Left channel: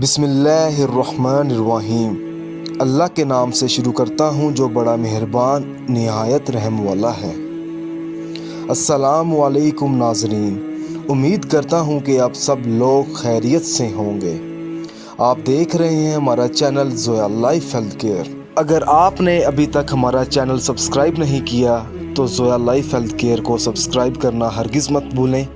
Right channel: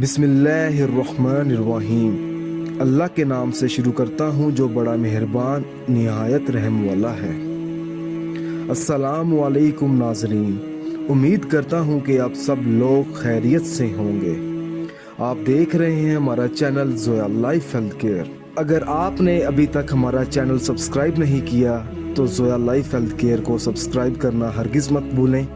बिस्मिल्लाहिर्रहमानिर्रहीम। अल्लाह के नाम से शुरू करता हूँ जो बड़ा मेहरबान निहायत रहम वाला है। अस्सलामु अलैकुम नाज़रीन, उम्मीद करता हूँ कि आप सब लोग खैरियत से होंगे। आप देख रहे हैं हमारा channel Zoya life health care. अगर आपने अभी तक हमारा चैनल सब्सक्राइब नहीं किया तो ज़ोया लाइफ हेल्थ केयर को सब्सक्राइब करना हरगिज़ मत भूलें।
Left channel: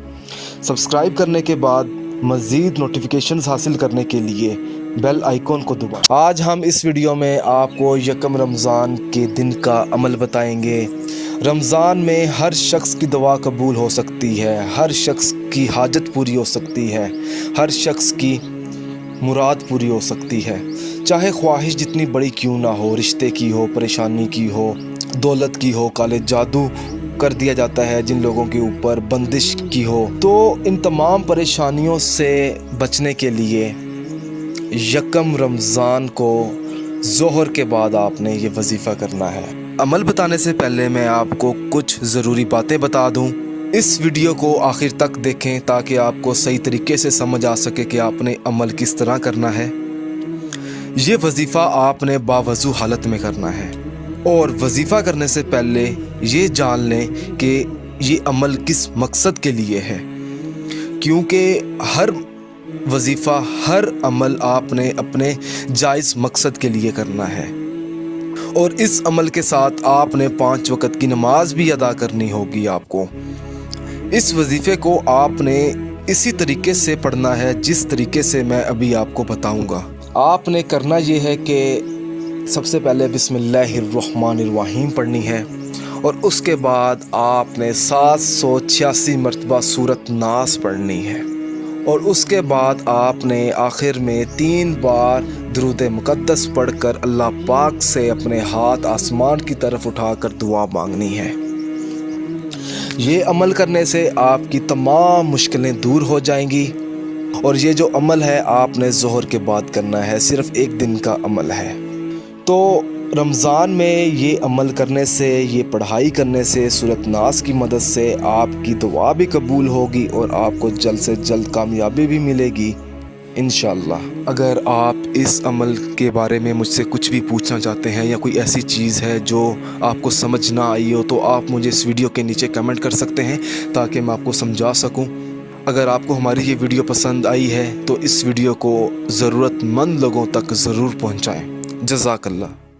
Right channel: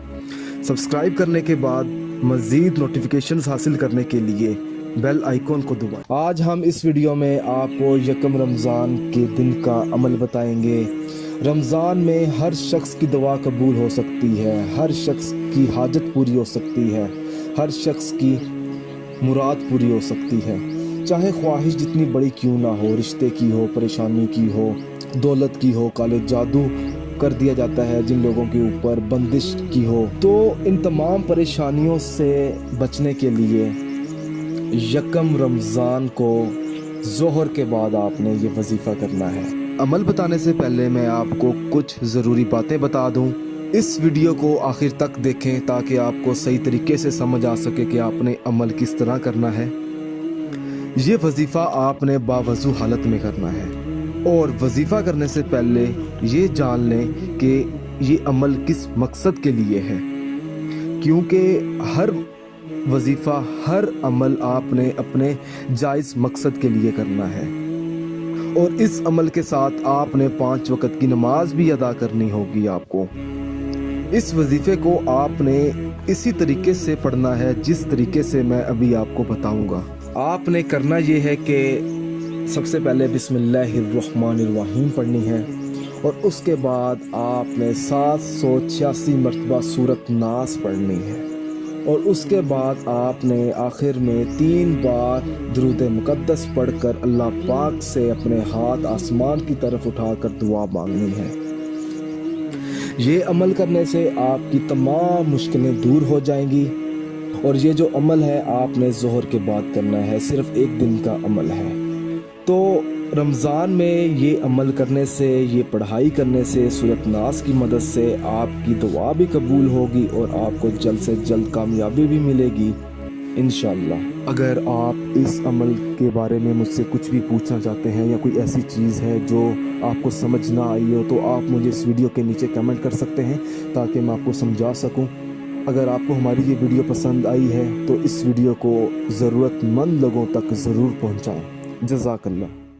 सब्सक्राइब करने के बाद मज़ीद नोटिफिकेशंस हासिल करने के लिए बेल आइकॉन को दबाएं। आज हम इस वीडियो में आपको यकम रमज़ान के दिन का अमल बताएंगे। रमज़ान में हर शख्स की दुआ कबूल हो सकती है, हर शख्स की हाजत पूरी हो सकती है, हर शख्स की मुराद पूरी हो सकती है, चाहे ख्वाहिश जितनी बड़ी क्यों ना हो, रिश्ते की हो, परेशानी की हो, दौलत की हो, काले जादू कर दिया जाता है जिन लोगों के ऊपर, बंदिश की हो। तो इन तमाम परेशानियों से बचने के लिए यकम रमज़ान को ज़ोहर के बाद आपने ये वजीफ़ा करना है। अमल बताने से पहले मैं आपको कुछ ज़रूरी बातें बता दूं। इस वीडियो को आखिर तक देखें ताकि आपको सही तरीके से समझ आ सके कि आपने अमल किस तरह करना है। ये वजीफ़ा आपने बावजू हालत में करना है और वजीफ़ा करने से पहले ये जान लें कि ये अमल किस मकसद के लिए है, क्योंकि हर वजीफ़ा, हर अमल आपने अपने जायज़ मकसद के लिए करना है और इस अमल के साथ आपने 5 वक़्त की नमाज भी अदा करनी होगी। आपको इस वजीफ़े को आपने इसी तरीके से पढ़ना है जिस तरीके से मैं अभी आपको बताऊंगा। आपने करना ये है कि सबसे पहले बिस्मिल्लाहिर्रहमानिर्रहीम पढ़नी है और उसके बाद आपने 786 मरतबा सूरत नास पढ़नी है और उसके बाद आपने आखिर में 3 बार दुरूद मुक़द्दस पढ़कर अल्लाह पाक से अपने हाथ आसमान की तरफ उठाकर दुआ मांगनी है। ये अमल करने से आपकी तमाम मुश्किलें दूर हो जाएंगी और ये जो अमल है आपने ज़ोहर के बाद करना है, सिर्फ़ एक दिन का अमल है। तो रमज़ान में ये अमल करने से, ये पढ़ाई करने से, सूरत नास की मदद से आपकी दुआ भी कबूल होगी और आपको जल्द से जल्द कामयाबी भी मिलेगी इंशाअल्लाह। अगर आप इस अमल के बारे में मुझसे कुछ भी पूछना चाहते हैं या कोई ऐसी चीज़ है जो आपको समझ ना आई हो तो आप मुझे इस वीडियो के नीचे कमेंट कर सकते हैं ताकि मैं आपको समझा सकूं। अगर आपको हमारी ये वीडियो पसंद आई है तो इस वीडियो को ज़रूरतमंद लोगों तक ज़रूर पहुंचाएं। जज़ाकल्लाह।